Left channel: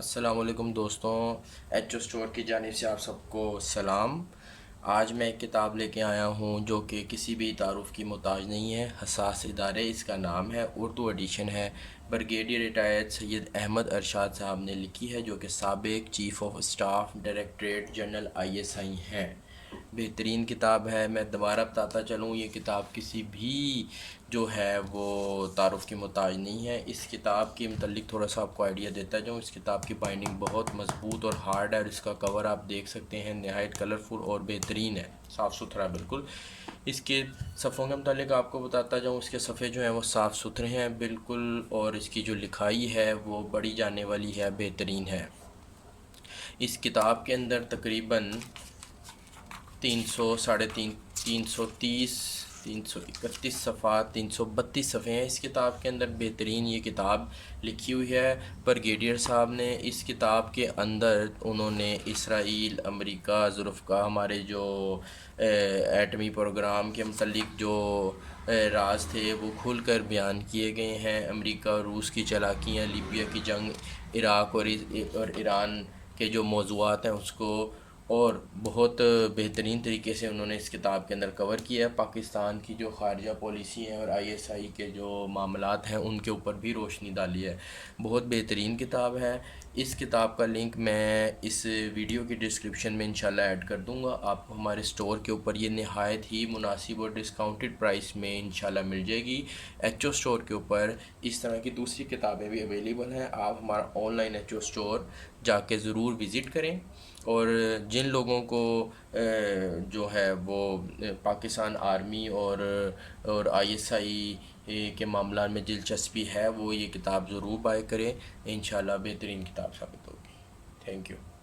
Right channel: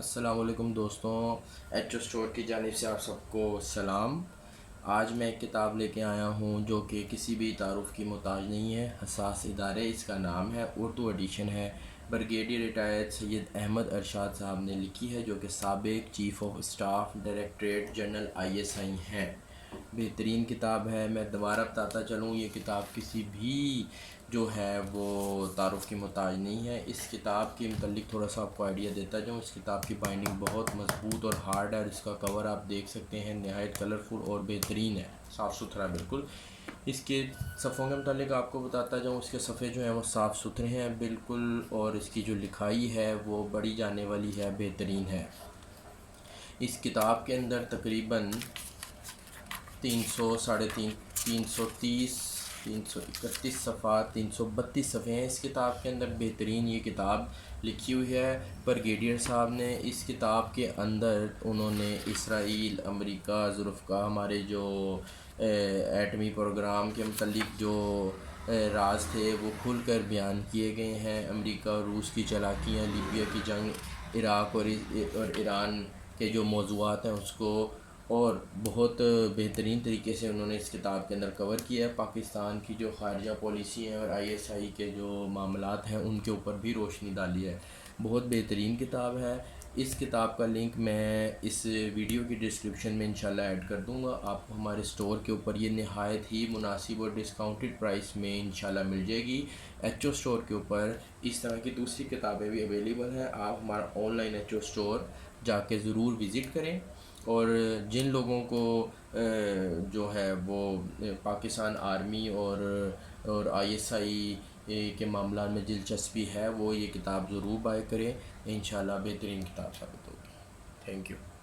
السلام علیکم دوستوں، ایچ او اسٹور کی جانب سے آپ سب کو سلام۔ آج میں ایک کتاب لے کے آیا ہوں جو کہ کسی بھی تعارف کی محتاج نہیں ہے۔ حساس ادارے اس کا نام ہے، اردو ایڈیشن ہے۔ بریگیڈیئر ریٹائرڈ سید احمد ارشاد صاحب نے لکھی ہے، جو کہ سابق chief of staff directorate general ISI ہیں۔ بہترین کتاب ہے۔ میں دوبارہ بتاتا چلوں، یہ کتاب کسی بھی جو ہے وہ تعارف کی محتاج نہیں ہے۔ اس کتاب کے متعلق تھوڑا سا آپ کو آئیڈیا دیتا جاؤں۔ اس کتاب کی بائنڈنگ بہت مضبوط اور ہارڈ ہے، اور اس کا کور آپ دیکھ سکتے ہیں، نہایت کلرفل اور بہترین ہے، صاف ستھرا بالکل۔ اس کے صفحوں کے متعلق آپ کو بتاتا جاؤں، اس کے صفحے جو ہیں وہ صاف ستھرے ہیں بالکل، اور اس کی جو لکھائی ہے وہ بڑی جانے والی ہے، بہترین ہے۔ اس کتاب کے اندر تقریباً 331 صفحات، 332 صفحے ہیں اس کتاب کے اندر۔ بہترین یہ کتاب لکھی ہوئی ہے بریگیڈیئر صاحب نے۔ اس کتاب کے اندر انہوں نے اسرائیل، امریکہ، ظروف ہمارے جو ایٹمی پروگرام کے متعلق جو راز تھے وہ کھل کر بیان کیے گئے ہیں۔ امریکہ روس کی چالاکیاں، لیبیا کی جنگ، عراق اور ایران کے جو موضوعات ہیں اس کو اور بہت بہترین طریقے سے انہوں نے اس کتاب کے اندر کور کیا ہے۔ پاکستان کی جو خارجہ پالیسی ہیں اور ISI کے جو معاملات ہیں ان کے اوپر بھی روشنی ڈالی ہے۔ بہت بہترین کتاب ہے۔ اس کتاب کا لنک میں اس ویڈیو کی ڈسکرپشن میں انشاءاللہ ایڈ کر دوں گا۔ آپ کو ہمارے اسٹور کے اوپر یہ نہایت ہی مناسب اور ڈسکاؤنٹڈ پرائس میں انشاءاللہ مل جائے گی۔ ایچ او اسٹور کے اوپر اس طرح کی دوسری کتابیں بھی اویلیبل ہیں۔ آپ ہمارا online H O store جا کے ضرور وزٹ کریں، اور جن لوگوں کو جو ہے وہ پاکستان آرمی اور ISI کے معاملات میں دلچسپی ہے وہ یہ کتاب ضرور بائی کریں، انشاءاللہ بہترین کتاب ثابت ہوگی۔ Thank you.